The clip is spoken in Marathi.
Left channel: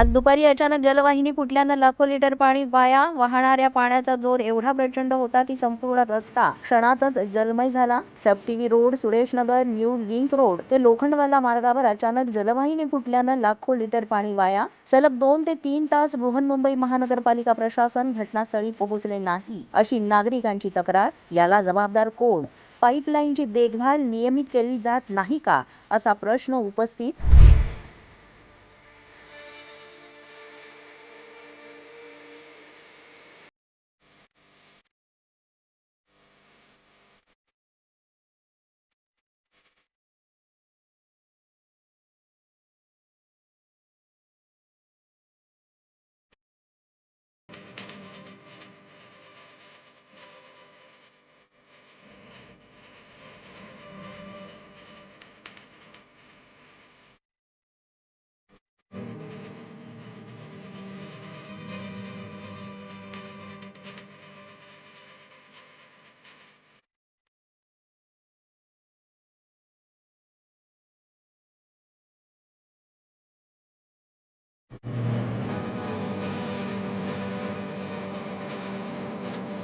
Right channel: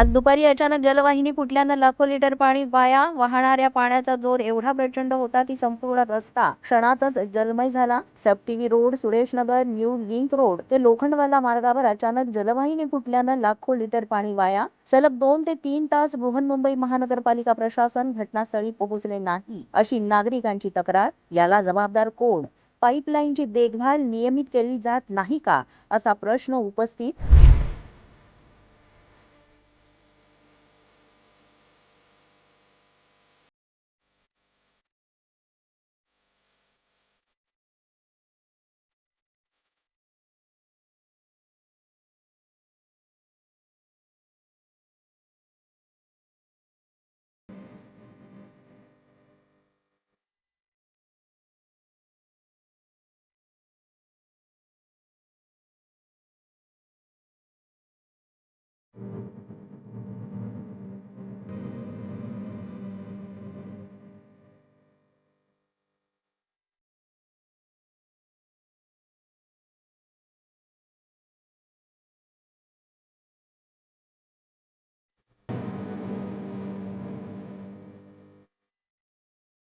आज दुपारी अचानक जलवाहिनी फुटल्यानं लाखो लिटर पाणी वाया. वाहणाऱ्या पाण्याचा जोर एवढा प्रचंड होता की संपूर्ण रस्ता क्षणातच जलमय झाला. सब TV road, सुरेशनगर, new link road ते लोखंडवाला मार्गावर अचानक जलवाहिनी फुटल्यानं लाखो लिटर पाणी वाया. सलग 2 ते 3 तास बृहन्मुंबई महानगरपालिका प्रशासन घटनास्थळी पोहोचले नाही, अशी नागरिकांची तक्रार. याला जबाबदार कोण? पाईपलाईनची देखभाल नियमित केली जात नाही का, असा प्रश्न उपस्थित